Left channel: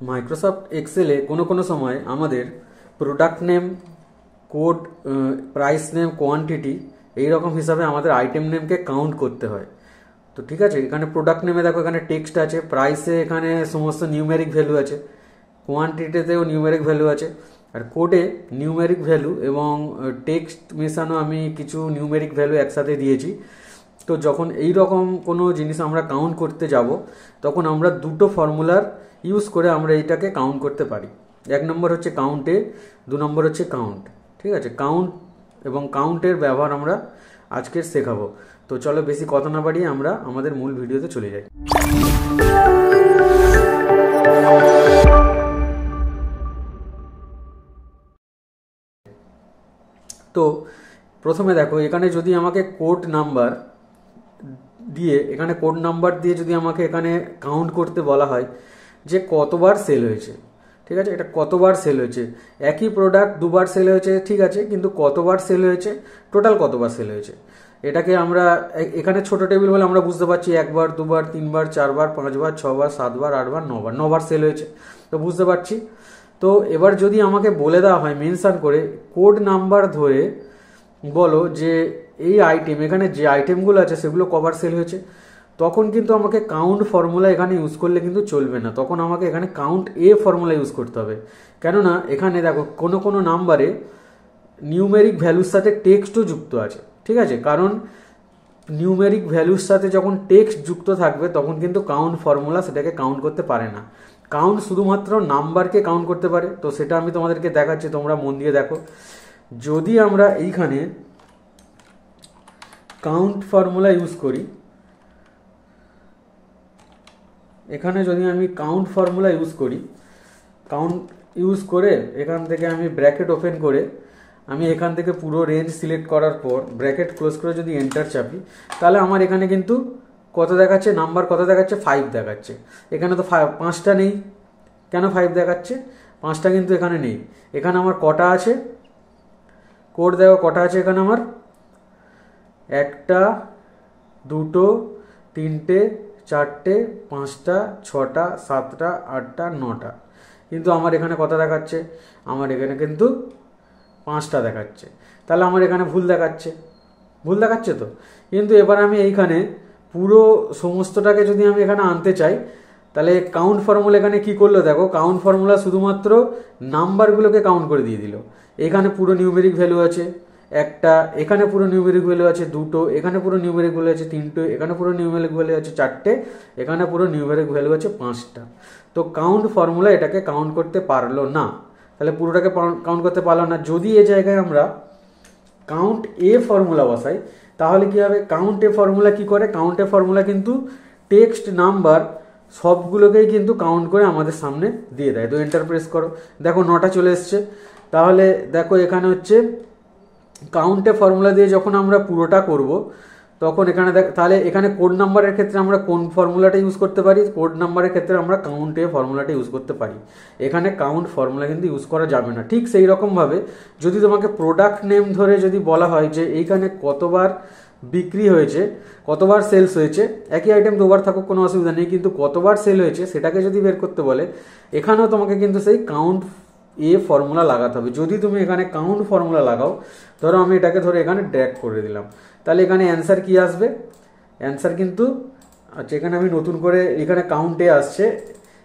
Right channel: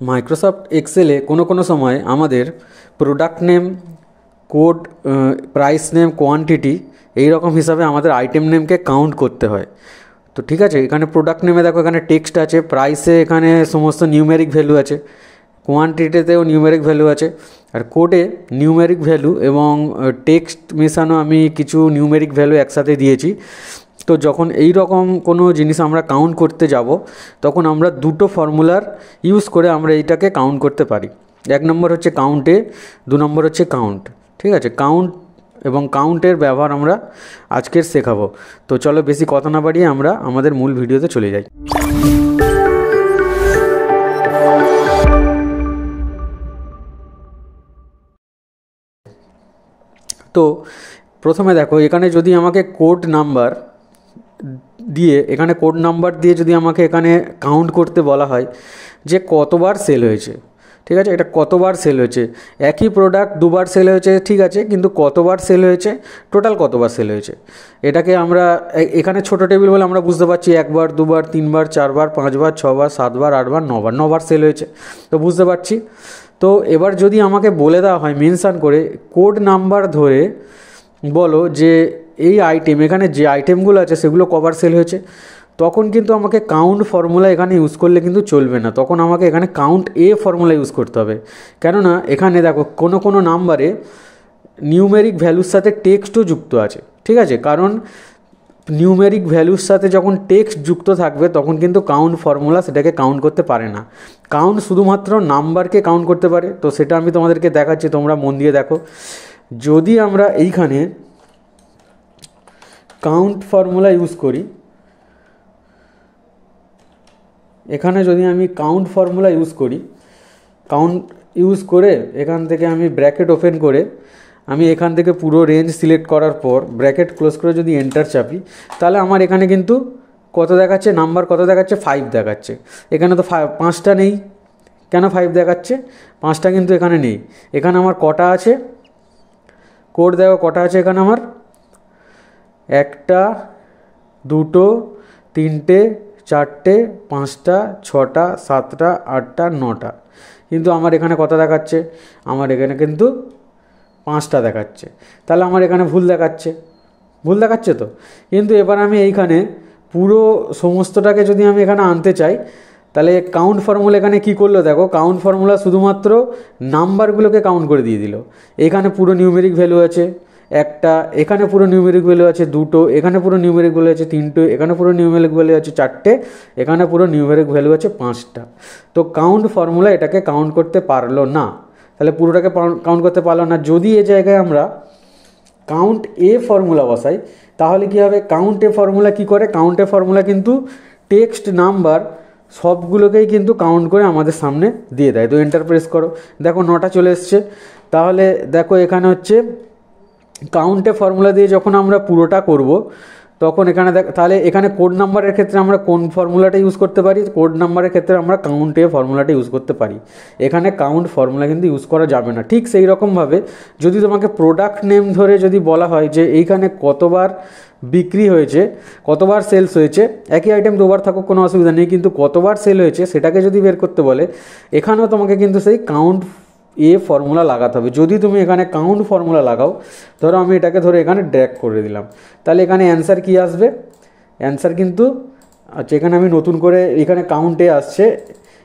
Microsoft এক্সেলে কোনো সময় আমাদের product name, code, price name, quantity এই রকম হিসাবে আমাদের আইটেম নেমকে কাউন্ট করতে হয়। তো ঠিক আছে, এখানে প্রোডাক্ট নেমে দেখো এখানে টেক্সট আছে, প্রাইসে এখানে সমস্ত নিউমেরিক ভ্যালু আছে, কোয়ান্টিটিতেও নিউমেরিক ভ্যালু আছে, আর কোডে নিউমেরিক ভ্যালু এবং টেক্সট মেশানো আমি কিছু নিউমেরিক ভ্যালু একসাথে দিয়েছি। তো যখন এই রকম কোনো জিনিস আমরা কাউন্ট করতে যাব তখন আমরা দুটো ফর্মুলার ইউজ করে আমরা এইটাকে কাউন্ট করতে পারি। এক নম্বর হচ্ছে কাউন্টে, দু নম্বর হচ্ছে কাউন্ট। ঠিক আছে, কাউন্ট এবং কাউন্টের ব্যবহার আমরা আজকের শেখাবো। তো চলো বেশি কথা না বাড়িয়ে আমরা আমাদের মূল ভিডিওতে চলে যাই। তো প্রথমে দেখো এখানে যদি আমাকে কোড নাম্বার দিয়ে যদি আমাকে এখানে কাউন্ট করতে বলা হয় যে কতবার সেল হয়েছে, ঠিক আছে, এটা কতবার সেল হয়েছে, একই প্রোডাক্ট দুবার সেল হয়েছে, ঠিক আছে, কিন্তু কতবার সেল হয়েছে, টোটাল কতবার সেল হয়েছে, এটাকে আমরা এখানে ছোটো টেবিল বলে আমরা বুঝতে পারছি একবার, দুবার, তিনবার, চারবার, পাঁচবার, ছবার, সাতবার, আটবার, নবার সেল হয়েছে, তো বুঝতে পারছি। তো এবার যদি আমাকে বলে দেওয়া হয় মেনশান করে কোড নাম্বার ধরে বলো যে এই আইটেম, এখানে যে আইটেমগুলো আছে সেগুলো কবার সেল হয়েছে, তখন কিন্তু আমাকে কাউন্ট ফর্মুলা এখানে ইউজ করলে কিন্তু চলবে না, তখন আমাকে এখানে কাউন্ট ফর্মুলা ইউজ করতে হবে। কেননা এখানে দেখো কোনো নাম্বারে নিউমেরিক ভ্যালুর সাথে টেক্সটও যুক্ত আছে, ঠিক আছে, কারণ নিউমেরিক ভ্যালুর সাথে যখন টেক্সট যুক্ত থাকবে তখন কিন্তু কাউন্ট ফর্মুলা সেটাকে কাউন্ট করতে পারে না। কাউন্ট শুধুমাত্র নাম্বারকে কাউন্ট করতে পারে। তো সেটা আমি তোমাদেরকে দেখাচ্ছি, তোমরা মন দিয়ে দেখো। যদি আমরা এইখানে কাউন্ট ফর্মুলা ইউজ করি, এখানে যদি আমি কাউন্ট ফর্মুলা কাউন্ট ইউজ করে এখান থেকে আমি ব্র্যাকেট ওপেন করে আমি এখান থেকে পুরো রেঞ্জ সিলেক্ট করার পর ব্র্যাকেট ক্লোজ করে যদি এন্টার চাপি, তাহলে আমার এখানে কিন্তু কত দেখাচ্ছে, নাম্বার কত দেখাচ্ছে, 5 দেখাচ্ছে। এখানে তো 5টা নেই, কেন 5 দেখাচ্ছে, 5টা কিন্তু এখানে নেই। এখানে আমার কটা আছে, কোড দেখো কটা আছে এখানে আমার, 1টা, 2টো, 3টে, 4টে, 5টা, 6টা, 7টা, 8টা, 9টা, কিন্তু আমার এখানে কত দেখাচ্ছে, আমার এখানে কিন্তু 5টা দেখাচ্ছে। তাহলে আমার এখানে ভুল দেখাচ্ছে তো। কিন্তু এবার আমি এইখানে পুরো সমস্তটাকে যদি আমি এখানে আনতে চাই, তাহলে কাউন্ট ফর্মুলা এখানে কি করলো দেখো, কাউন্ট ফর্মুলা শুধুমাত্র নাম্বারগুলোকে কাউন্ট করে দিয়ে দিল। এখানে পুরো নিউমেরিক ভ্যালু আছে 1টা, এখানে পুরো নিউমেরিক ভ্যালু আছে 2টো, এখানে পুরো নিউমেরিক ভ্যালু আছে 3টে, এখানে পুরো নিউমেরিক ভ্যালু আছে 4টে, এখানে পুরো নিউমেরিক ভ্যালু আছে 5টা। তো কাউন্ট ফর্মুলা এটাকে কাউন্ট করতে পারলো না, তাহলে পুরোটাকে কাউন্ট করতে পারলো না। যদি এ জায়গায় আমরা কাউন্ট ফর্মুলা বসাই তাহলে কী হবে, কাউন্ট ফর্মুলা কী করে, কাউন্ট ফর্মুলা কিন্তু টেক্সট, নাম্বার সবগুলোকেই কিন্তু কাউন্ট করে আমাদের সামনে দিয়ে দেয়। তো এন্টার প্রেস করো, দেখো 9টা চলে এসছে। তাহলে দেখো এখানে হচ্ছে কাউন্টে ফর্মুলা দিয়ে যখন আমরা পুরোটা করব তখন এখানে তাহলে এখানে কোড নাম্বারের ক্ষেত্রে আমরা কোন ফর্মুলাটা ইউজ করতে পারি, কোড নাম্বারের ক্ষেত্রে আমরা কাউন্টে ফর্মুলাটা ইউজ করতে পারি। এখানে কাউন্ট ফর্মুলা কিন্তু ইউজ করা যাবে না। ঠিক সেই রকমভাবে যদি তোমাকে প্রোডাক্ট নেম ধরে যদি বলা হয় যে এইখানে কতবার বিক্রি হয়েছে, কতবার সেলস হয়েছে, একই আইটেম দুবার থাকুক কোনো অসুবিধা নেই, কিন্তু কতবার সেল হয়েছে সেটাকে যদি বের করতে বলে, এখানেও তোমাকে কিন্তু সেই কাউন্ট ফর্মুলা লাগাতে হবে। যদি তুমি এখানে কাউন্ট ফর্মুলা লাগাও, ধরো আমি এটাকে এখানে ড্র্যাগ করে দিলাম, তাহলে এখানে অ্যান্সার কি আসবে, অ্যান্সার কিন্তু আচ্ছা এখানে আমি নতুন করে এখানে কাউন্টে আসছে,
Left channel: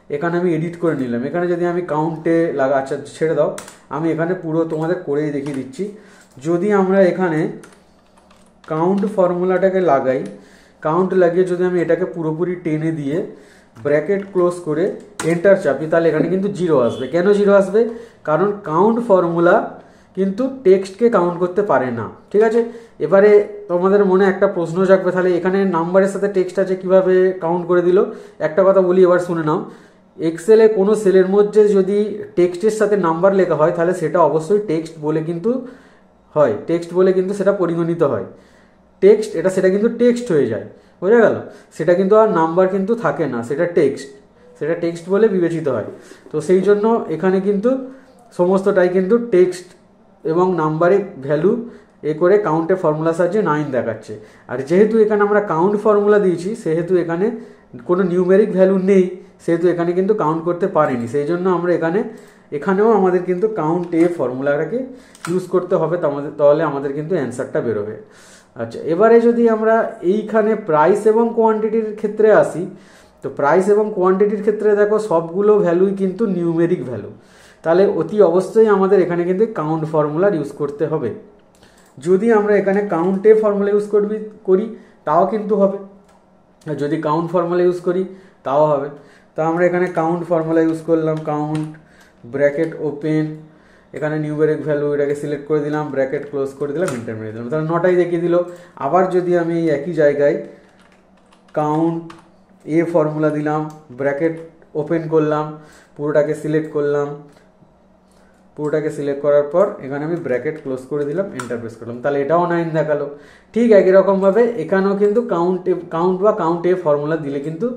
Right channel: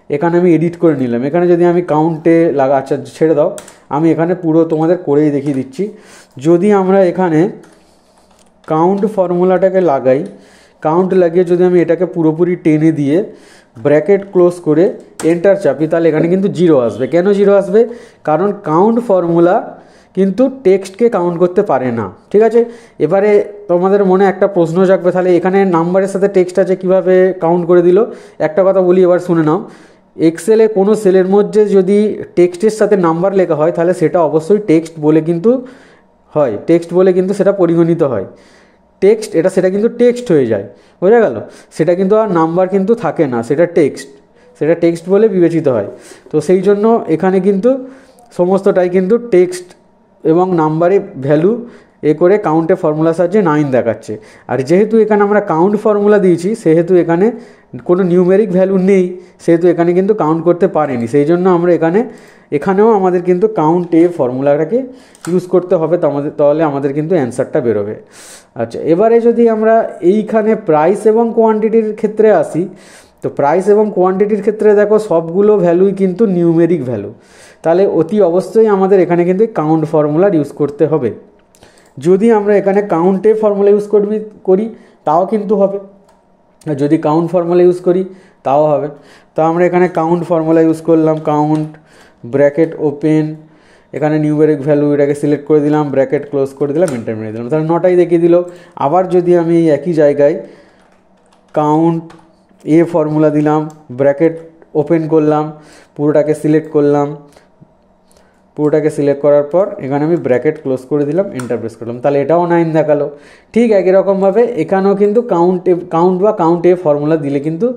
এখানে আমি এডিট করে নিলাম। এখানে যদি আমি কাউন্টে আচ্ছা ছেড়ে দাও, আমি এখানে পুরো তোমাদের করেই দেখিয়ে দিচ্ছি। যদি আমরা এখানে কাউন্ট ফর্মুলাটাকে লাগাই, কাউন্ট লাগিয়ে যদি আমি এটাকে পুরোপুরি টেনে দিয়ে ব্র্যাকেট ক্লোজ করে এন্টার চাপি, তাহলে এখানে কিন্তু 0 আসবে। কেন 0 আসবে, কারণ কাউন্ট ফর্মুলা কিন্তু টেক্সটকে কাউন্ট করতে পারে না। ঠিক আছে, এবারে তোমাদের মনে একটা প্রশ্ন জাগবে, তাহলে এখানে নাম্বারের সাথে টেক্সট আছে কিভাবে কাউন্ট করে দিল। একটা কথা বলি, এবার শুনে নাও। এক্সেলে কোনো সেলের মধ্যে যদি টেক্সটের সাথে নাম্বার লেখা হয় তাহলে সেটা অবশ্যই টেক্সট বলে কিন্তু হয়, টেক্সট বলে কিন্তু সেটা পরিগণিত হয়। টেক্সট সেটা কিন্তু টেক্সট হয়ে যায়, বোঝা গেল, সেটা কিন্তু আর নাম্বার কিন্তু থাকে না, সেটা টেক্সট বলে বিবেচিত হয়। তো সেই জন্য এখানে কিন্তু সমস্তটাই কিন্তু টেক্সট এবং নাম্বারে ভ্যালু করে কাউন্টে ফর্মুলা সাহায্যে 9 দেখাচ্ছে। আর যেহেতু এখানে আমরা কাউন্ট ফর্মুলা দিয়েছি সেহেতু এখানে কোনো নিউমেরিক ভ্যালু নেই, সেহেতু এখানে কিন্তু কাউন্ট করতে পারিনি, সেই জন্য আমরা এখানেও আমাদের কিন্তু কাউন্ট এ ফর্মুলাটাকে ইউজ করতে হবে, তাহলে আমাদের কিন্তু অ্যান্সারটা বেরোবে। আচ্ছা, এবারে যদি আমরা এইখানে প্রাইস এবং কোয়ান্টিটির ক্ষেত্রে আসি, তো প্রাইস এবং কোয়ান্টিটির ক্ষেত্রে দেখো সবগুলো ভ্যালুই কিন্তু নিউমেরিক ভ্যালু, তাহলে অতি অবশ্যই আমাদের এখানে কিন্তু কাউন্ট ফর্মুলার ইউজ করতে হবে। যদি আমরা এখানে কাউন্টে ফর্মুলা ইউজ করি তাও কিন্তু হবে, আর যদি কাউন্ট ফর্মুলা ইউজ করি তাও হবে। তো আমরা এখানে কাউন্ট ফর্মুলা ইউজ করলাম, কাউন্ট ব্র্যাকেট ওপেন, এখানে নিউমেরিক ভ্যালু এটাকে সিলেক্ট করে দিলাম, ব্র্যাকেট ক্লোজ করে দিলাম, এন্টার মেরে দিলাম, তাহলে 9টাই দেখিয়ে দিল। আবার যদি আমি একই জায়গায় কাউন্ট এ ফর্মুলা দিলাম, ব্র্যাকেট ওপেন করলাম, পুরোটাকে সিলেক্ট করলাম, পুরোটাকে সিলেক্ট করার পর এখানে আমি ব্র্যাকেট ক্লোজ করে দিলাম, এন্টার প্রেস করলাম, তাহলে এটাও 9 দেখালো। ঠিক একই রকমভাবে এখানেও কিন্তু কাউন্ট এ ফর্মুলা দিলে কিন্তু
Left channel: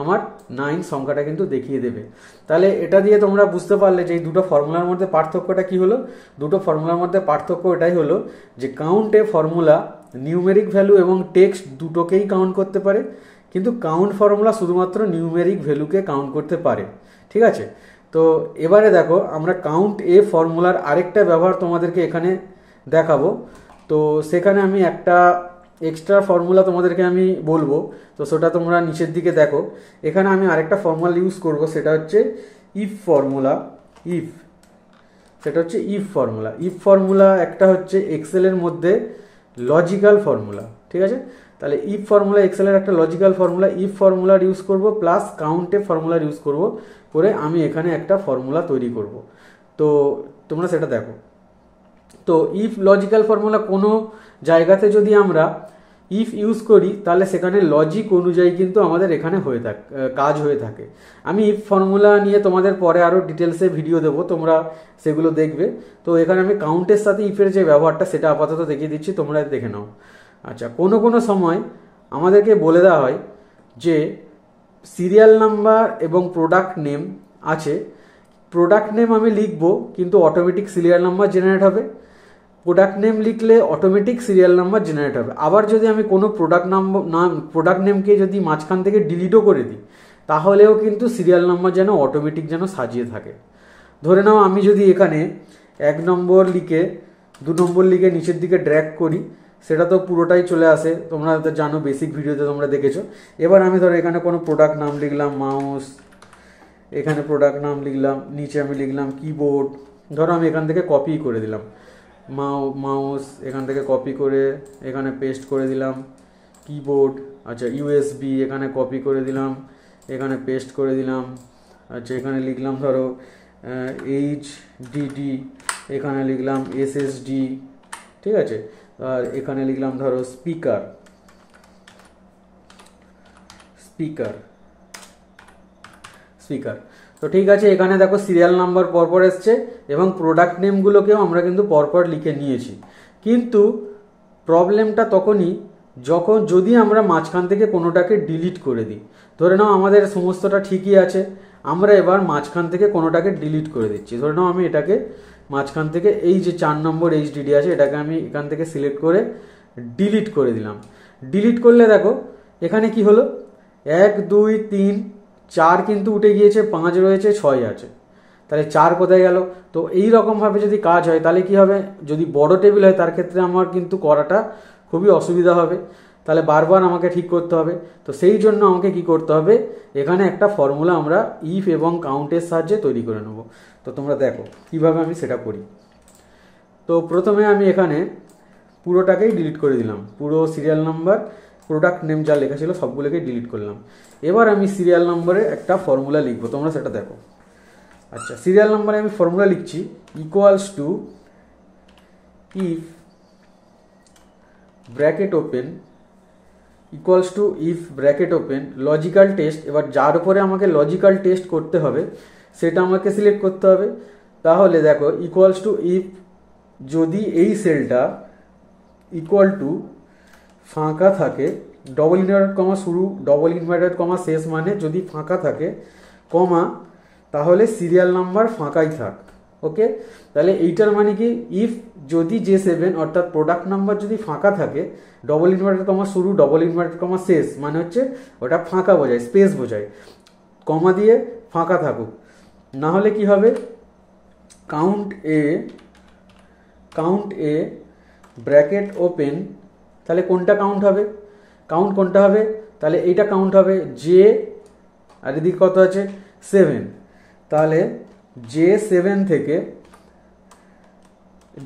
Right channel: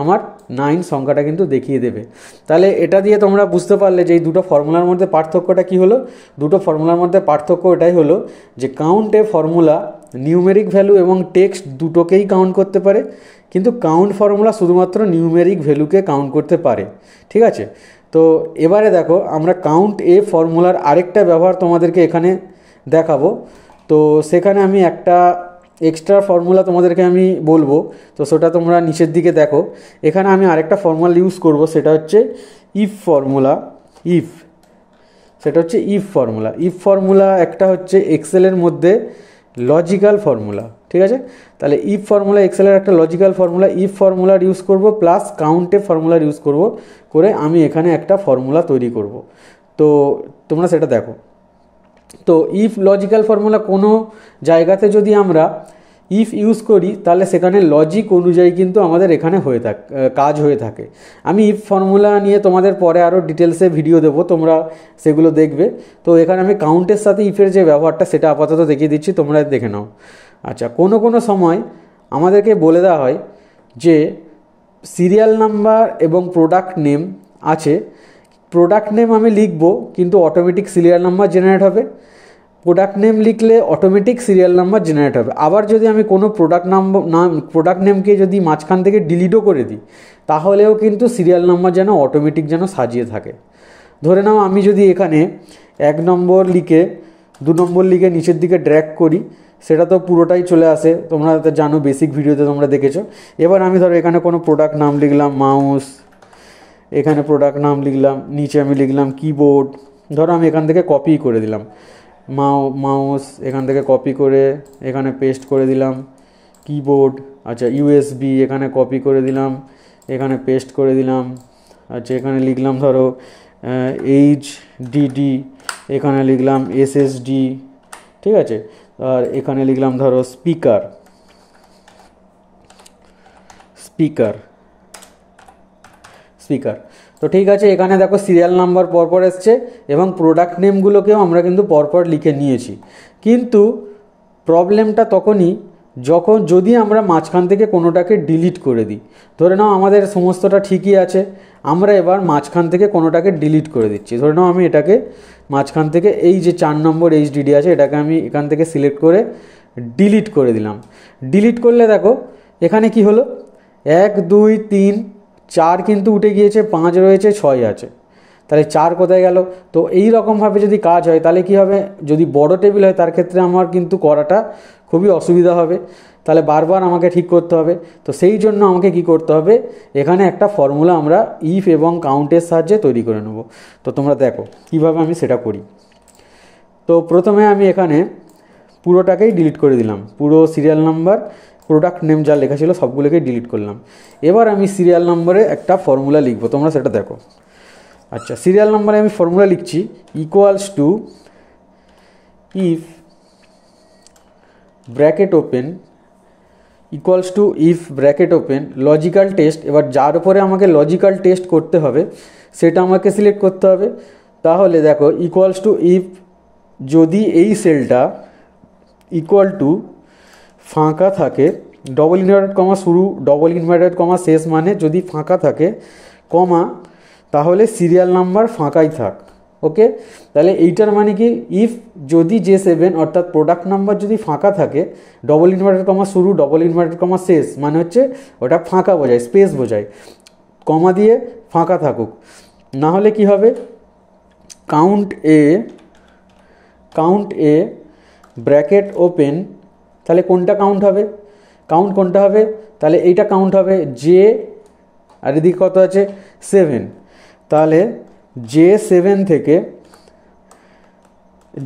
আমার 9 সংখ্যাটা কিন্তু দেখিয়ে দেবে। তাহলে এটা দিয়ে তোমরা বুঝতে পারলে যে এই দুটো ফর্মুলার মধ্যে পার্থক্যটা কী হলো। দুটো ফর্মুলার মধ্যে পার্থক্য এটাই হলো যে কাউন্ট এ ফর্মুলা নিউমেরিক ভ্যালু এবং টেক্সট দুটোকেই কাউন্ট করতে পারে, কিন্তু কাউন্ট ফর্মুলা শুধুমাত্র নিউমেরিক ভ্যালুকে কাউন্ট করতে পারে। ঠিক আছে, তো এবারে দেখো আমরা কাউন্ট এ ফর্মুলার আরেকটা ব্যবহার তোমাদেরকে এখানে দেখাবো। তো সেখানে আমি একটা এক্সট্রা ফর্মুলা তোমাদেরকে আমি বলবো, তো সেটা তোমরা নিচের দিকে দেখো। এখানে আমি আরেকটা ফর্মুলা ইউজ করব, সেটা হচ্ছে ইফ ফর্মুলা। সেটা হচ্ছে ইফ ফর্মুলা একটা হচ্ছে এক্সেলের মধ্যে লজিক্যাল ফর্মুলা। ঠিক আছে, তাহলে ইফ ফর্মুলা এক্সেলের একটা লজিক্যাল ফর্মুলা, ইফ ফর্মুলার ইউজ করব প্লাস কাউন্টে ফর্মুলার ইউজ করব করে আমি এখানে একটা ফর্মুলা তৈরি করব। তো তোমরা সেটা দেখো। তো ইফ লজিক্যাল ফর্মুলা কোনো জায়গাতে যদি আমরা ইফ ইউজ করি তাহলে সেখানে লজিক অনুযায়ী কিন্তু আমাদের এখানে কাজ হয়ে থাকে। আমি ইফ ফর্মুলা নিয়ে তোমাদের পরে আরও ডিটেলসে ভিডিও দেবো, তোমরা সেগুলো দেখবে। তো এখানে আমি কাউন্টের সাথে ইফের যে ব্যবহারটা সেটা আপাতত দেখিয়ে দিচ্ছি, তোমরা দেখে নাও। আচ্ছা, কোনো সময় আমাদেরকে বলে দেওয়া হয় যে সিরিয়াল নাম্বার এবং প্রোডাক্ট নেম আছে, প্রোডাক্ট নেম আমি লিখবো কিন্তু অটোমেটিক সিরিয়াল নাম্বার জেনারেট হবে, প্রোডাক্ট নেম লিখলে অটোমেটিক সিরিয়াল নাম্বার জেনারেট হবে। আবার যদি আমি কোনো প্রোডাক্ট নেমকে যদি মাঝখান থেকে ডিলিটও করে দিই তাহলেও কিন্তু সিরিয়াল নাম্বার যেন অটোমেটিক যেন সাজিয়ে থাকে। ধরে নাও আমি যদি এখানে 1 নম্বর লিখে 2 নম্বর লিখে নিচের দিকে ড্র্যাগ করি, সেটা তো পুরোটাই চলে আসে, তোমরা তো জানো, বেসিক ভিডিওতে তোমরা দেখেছো। এবার আমি ধরো এখানে কোনো প্রোডাক্ট নাম লিখলাম মাউস, এখানে প্রোডাক্ট নাম লিখলাম, নিচে আমি লিখলাম কিবোর্ড, ধরো আমি এখান থেকে কপি করে দিলাম মাউস, এখান থেকে কপি করে এখানে পেস্ট করে দিলাম কিবোর্ড। আচ্ছা, ইউএসবি এখানে কপি করে দিলাম, এখানে পেস্ট করে দিলাম। আচ্ছা, এখানে লিখলাম ধরো এইচডিডি, এখানে লিখলাম এসএসডি। ঠিক আছে, আর এখানে লিখলাম ধরো স্পিকার। তো ঠিক আছে, এখানে দেখো সিরিয়াল নাম্বার পরপর এসছে এবং প্রোডাক্ট নেমগুলোকেও আমরা কিন্তু পরপর লিখে নিয়েছি। কিন্তু প্রবলেমটা তখনই যদি আমরা মাঝখান থেকে কোনোটাকে ডিলিট করে দিই। ধরে নাও আমাদের সমস্তটা ঠিকই আছে, আমরা এবার মাঝখান থেকে কোনোটাকে ডিলিট করে দিচ্ছি। ধরে নাও আমি এটাকে মাঝখান থেকে এই যে 4 নম্বর এইচডিডি আছে এটাকে আমি এখান থেকে সিলেক্ট করে ডিলিট করে দিলাম। ডিলিট করলে দেখো এখানে কি হলো, 1 2 3 4 কিন্তু উঠে গিয়েছে, 5 রয়েছে, 6 আছে, তাহলে 4 কোথায় গেল? তো এই রকমভাবে যদি কাজ হয় তাহলে কি হবে, যদি বড় টেবিল হয় তার ক্ষেত্রে আমার কিন্তু করাটা খুবই অসুবিধা হবে, তাহলে বারবার আমাকে ঠিক করতে হবে। তো সেই জন্য আমাকে কি করতে হবে, এখানে একটা ফর্মুলা আমরা ইফ এবং কাউন্টের সাহায্যে তৈরি করে নেব। তো তোমরা দেখো কিভাবে আমি সেটা করি। তো প্রথমে আমি এখানে পুরোটাকেই ডিলিট করে দিলাম, পুরো সিরিয়াল নাম্বার প্রোডাক্ট নেম যা লেখা ছিল সবগুলোকেই ডিলিট করলাম। এবার আমি সিরিয়াল নম্বরে একটা ফর্মুলা লিখবো, তোমরা সেটা দেখো। আচ্ছা, সিরিয়াল নম্বরে আমি ফর্মুলা লিখছি equals to if bracket open logical test. এবার যার উপরে আমাকে লজিক্যাল টেস্ট করতে হবে সেটা আমাকে সিলেক্ট করতে হবে। তাহলে দেখো ইকুয়ালস টু ইফ, যদি এই সেলটা ইকুয়াল টু ফাঁকা থাকে, ডবল ইনভার্টেড কমা শুরু, ডবল ইনভার্টেড কমা শেষ, মানে যদি ফাঁকা থাকে কমা, তাহলে সিরিয়াল নাম্বার ফাঁকাই থাক। ওকে, তাহলে এইটার মানে কি, ইফ যদি J7 অর্থাৎ প্রোডাক্ট নাম্বার যদি ফাঁকা থাকে, ডবল ইনভার্টেড কমা শুরু ডবল ইনভার্টেড কমা শেষ মানে হচ্ছে ওটা ফাঁকা বোঝায়, স্পেস বোঝায়, কমা দিয়ে ফাঁকা থাকুক। না হলে কি হবে, কাউন্ট এ ব্র্যাকেট ওপেন, তাহলে কোনটা কাউন্ট হবে, কোনটা হবে, তাহলে এইটা কাউন্ট হবে জে, আর এদিকে কত আছে 7, তাহলে J7 থেকে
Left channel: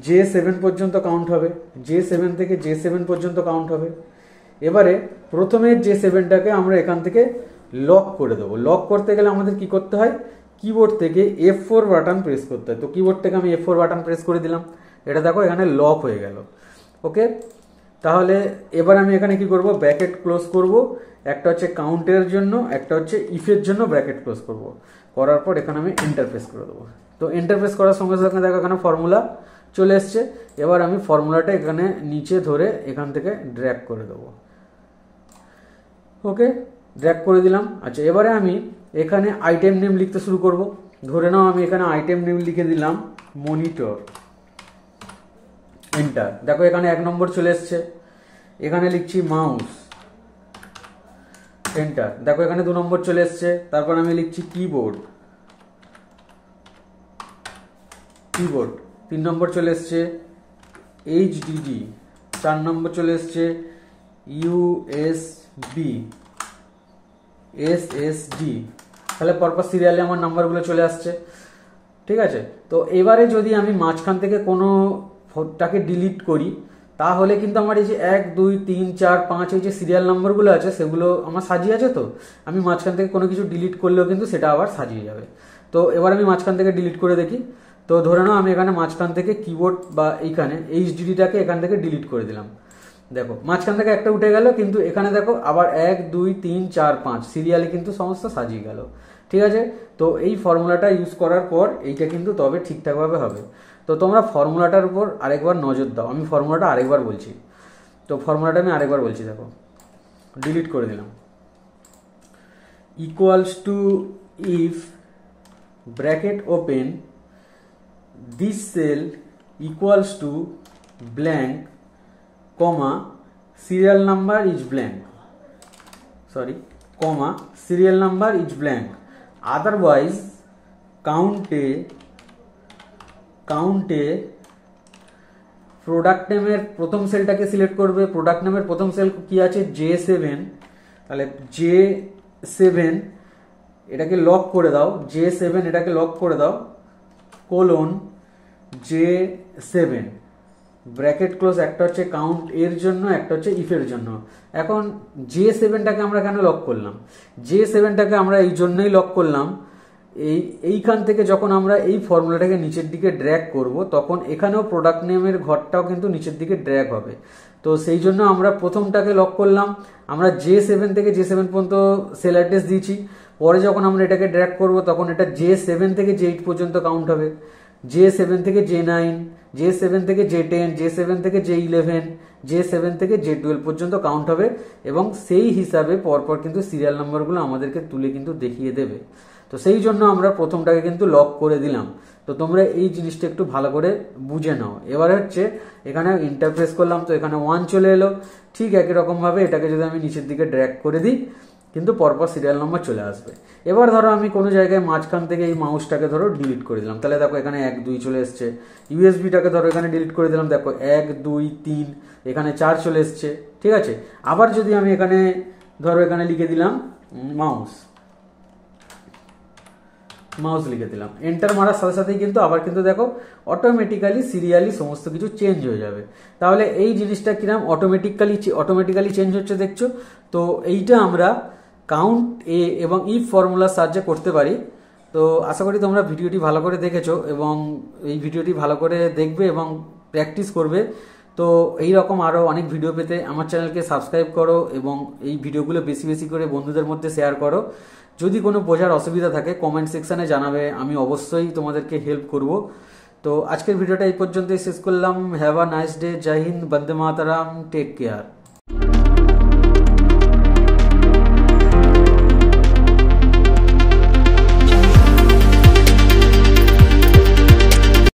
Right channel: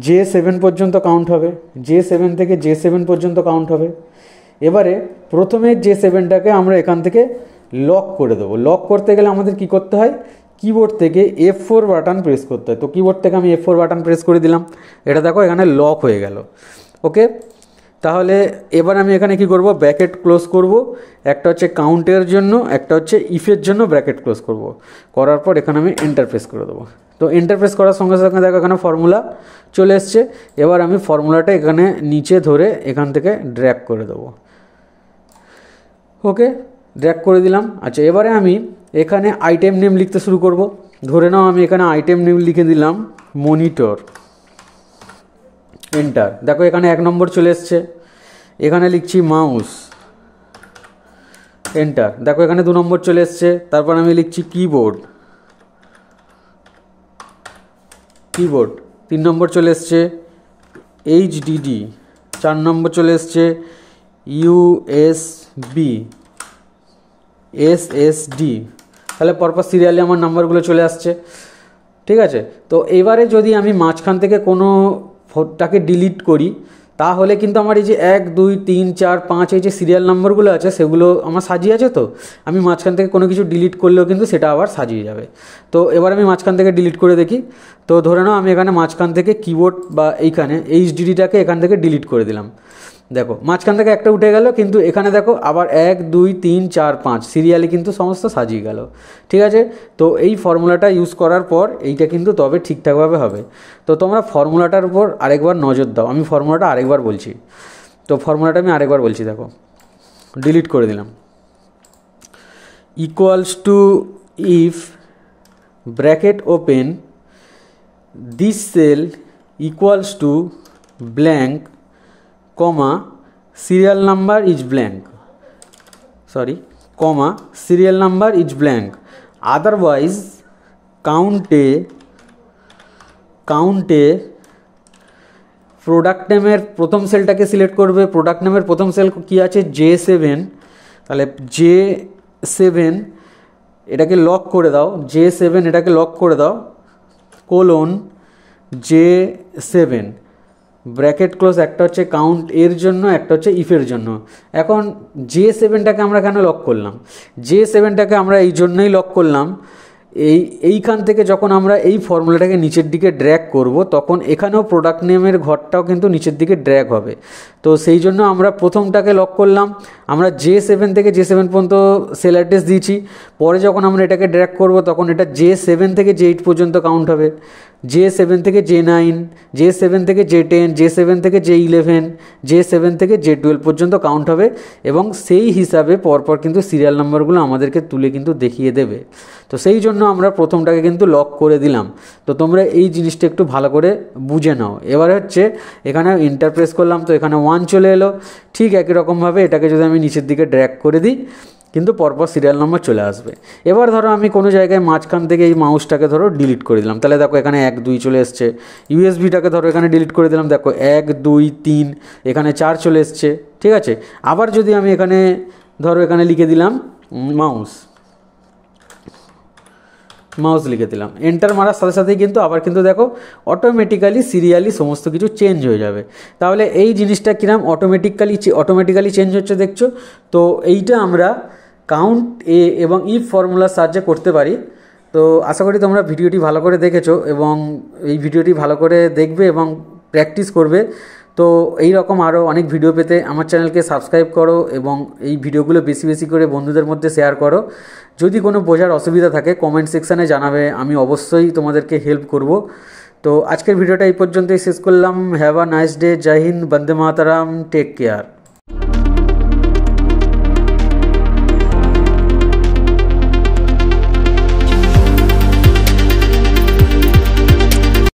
J7 পর্যন্ত কাউন্ট হবে, J7 থেকে J7 পর্যন্ত কাউন্ট হবে। এবারে প্রথমে J7টাকে আমরা এখান থেকে লক করে দেবো। লক করতে গেলে আমাদের কি করতে হয়, কিবোর্ড থেকে F4 বাটন প্রেস করতে হয়। তো কিবোর্ড থেকে আমি F4 বাটন প্রেস করে দিলাম, এটা দেখো এখানে লক হয়ে গেল। ওকে, তাহলে এবার আমি এখানে কি করব, ব্র্যাকেট ক্লোজ করব, একটা হচ্ছে কাউন্টের জন্য, একটা হচ্ছে ইফের জন্য ব্র্যাকেট ক্লোজ করব। করার পর এখানে আমি এন্টার প্রেস করে দেবো। তো এন্টার প্রেস করার সঙ্গে সঙ্গে দেখো এখানে ফর্মুলা চলে এসছে। এবার আমি ফর্মুলাটা এখানে নিচে ধরে এখান থেকে ড্র্যাগ করে দেবো। ওকে, ড্র্যাগ করে দিলাম। আচ্ছা, এবারে আমি এখানে আইটেম নেম লিখতে শুরু করব। ধরে নাও আমি এখানে আইটেম নেম লিখে দিলাম মনিটর, এন্টার। দেখো এখানে 1 নম্বর চলে এসছে। এখানে লিখছি মাউস, এন্টার। দেখো এখানে 2 নম্বর চলে এসছে। তারপর আমি লিখছি কিবোর্ড, 3 নম্বর চলে এসছে। HDD 4 নম্বর চলে এসছে। USB SSD, তাহলে পরপর সিরিয়ালে আমার নাম্বারগুলো চলে আসছে। ঠিক আছে, তো এবারে যদি আমি মাঝখান থেকে কোনোটাকে ডিলিট করি, তাহলে কিন্তু আমার এই যে 1 2 3 4 5 এই যে সিরিয়াল নাম্বারগুলো আছে সেগুলো আমার সাজিয়ে আছে। তো আমি মাঝখান থেকে কোনো কিছু ডিলিট করলেও কিন্তু সেটা আবার সাজিয়ে যাবে। তো এবার আমি মাঝখান থেকে ডিলিট করে দেখি। তো ধরে নাও আমি এখানে মাঝখান থেকে কিবোর্ড বা এইখানে HDDটাকে এখান থেকে ডিলিট করে দিলাম। দেখো মাঝখান থেকে একটা উঠে গেল, কিন্তু এখানে দেখো আবার 1 2 3 4 5 সিরিয়ালে কিন্তু সমস্ত সাজিয়ে গেল। ঠিক আছে, তো এই ফর্মুলাটা ইউজ করার পর এইটা কিন্তু তবে ঠিকঠাকভাবে হবে। তো তোমরা ফর্মুলাটার উপর আরেকবার নজর দাও। আমি ফর্মুলাটা আরেকবার বলছি। তো ফর্মুলাটা আমি আরেকবার বলছি, দেখো ডিলিট করে দিলাম। Equals to if bracket open this cell equals to blank comma serial number is blank, comma serial number is blank, otherwise কাউন্টে প্রোডাক্ট নেমের প্রথম সেলটাকে সিলেক্ট করবে। প্রোডাক্ট নেমের প্রথম সেল কি আছে J7, তাহলে J7 এটাকে লক করে দাও, J7 এটাকে লক করে দাও, কোলন J7 ব্র্যাকেট ক্লোজ, একটা হচ্ছে কাউন্ট এর জন্য, একটা হচ্ছে ইফের জন্য। এখন J7টাকে আমরা কেন লক করলাম, J7টাকে আমরা এই জন্যই লক করলাম, এইখান থেকে যখন আমরা এই ফর্মুলাটাকে নিচের দিকে ড্র্যাগ করব, তখন এখানেও প্রোডাক্ট নেমের ঘরটাও কিন্তু নিচের দিকে ড্র্যাগ হবে। তো সেই জন্য আমরা প্রথমটাকে লক করলাম। আমরা J7 থেকে J7 পর্যন্ত সেল অ্যাড্রেস দিয়েছি। পরে যখন আমরা এটাকে ড্র্যাগ করব, তখন এটা J7 থেকে J8 পর্যন্ত কাউন্ট হবে, J7 থেকে J9, J7 থেকে J10, J7 থেকে J11, J7 থেকে J12 পর্যন্ত কাউন্ট হবে, এবং সেই হিসাবে পরপর কিন্তু সিরিয়াল নাম্বারগুলো আমাদেরকে তুলে কিন্তু দেখিয়ে দেবে। তো সেই জন্য আমরা প্রথমটাকে কিন্তু লক করে দিলাম। তো তোমরা এই জিনিসটা একটু ভালো করে বুঝে নাও। এবার হচ্ছে এখানে এন্টার প্রেস করলাম, তো এখানে 1 চলে এলো। ঠিক একই রকমভাবে এটাকে যদি আমি নিচের দিকে ড্র্যাগ করে দিই, কিন্তু পরপর সিরিয়াল নম্বর চলে আসবে। এবার ধরো আমি কোনো জায়গায় মাঝখান থেকে এই মাউসটাকে ধরো ডিলিট করে দিলাম, তাহলে দেখো এখানে 1 2 চলে এসছে। ইউএসবিটাকে ধরো এখানে ডিলিট করে দিলাম, দেখো 1 2 3 এখানে 4 চলে এসছে। ঠিক আছে, আবার যদি আমি এখানে ধরো এখানে লিখে দিলাম মাউস লিখে দিলাম, এন্টার মারার সাথে সাথেই কিন্তু আবার কিন্তু দেখো অটোমেটিক্যালি সিরিয়ালি সমস্ত কিছু চেঞ্জ হয়ে যাবে। তাহলে এই জিনিসটা কিরম অটোমেটিক্যালি চেঞ্জ হচ্ছে দেখছো। তো এইটা আমরা কাউন্ট এ এবং ইফ ফর্মুলার সাহায্যে করতে পারি। তো আশা করি তোমরা ভিডিওটি ভালো করে দেখেছো, এবং এই ভিডিওটি ভালো করে দেখবে এবং প্র্যাকটিস করবে। তো এই রকম আরও অনেক ভিডিও পেতে আমার চ্যানেলকে সাবস্ক্রাইব করো, এবং এই ভিডিওগুলো বেশি বেশি করে বন্ধুদের মধ্যে শেয়ার করো। যদি কোনো বোঝার অসুবিধা থাকে কমেন্ট সেকশানে জানাবে, আমি অবশ্যই তোমাদেরকে হেল্প করব। তো আজকের ভিডিওটা এই পর্যন্তই শেষ করলাম। Have a nice day. জয় হিন্দ, বন্দে মাতারাম, টেক কেয়ার।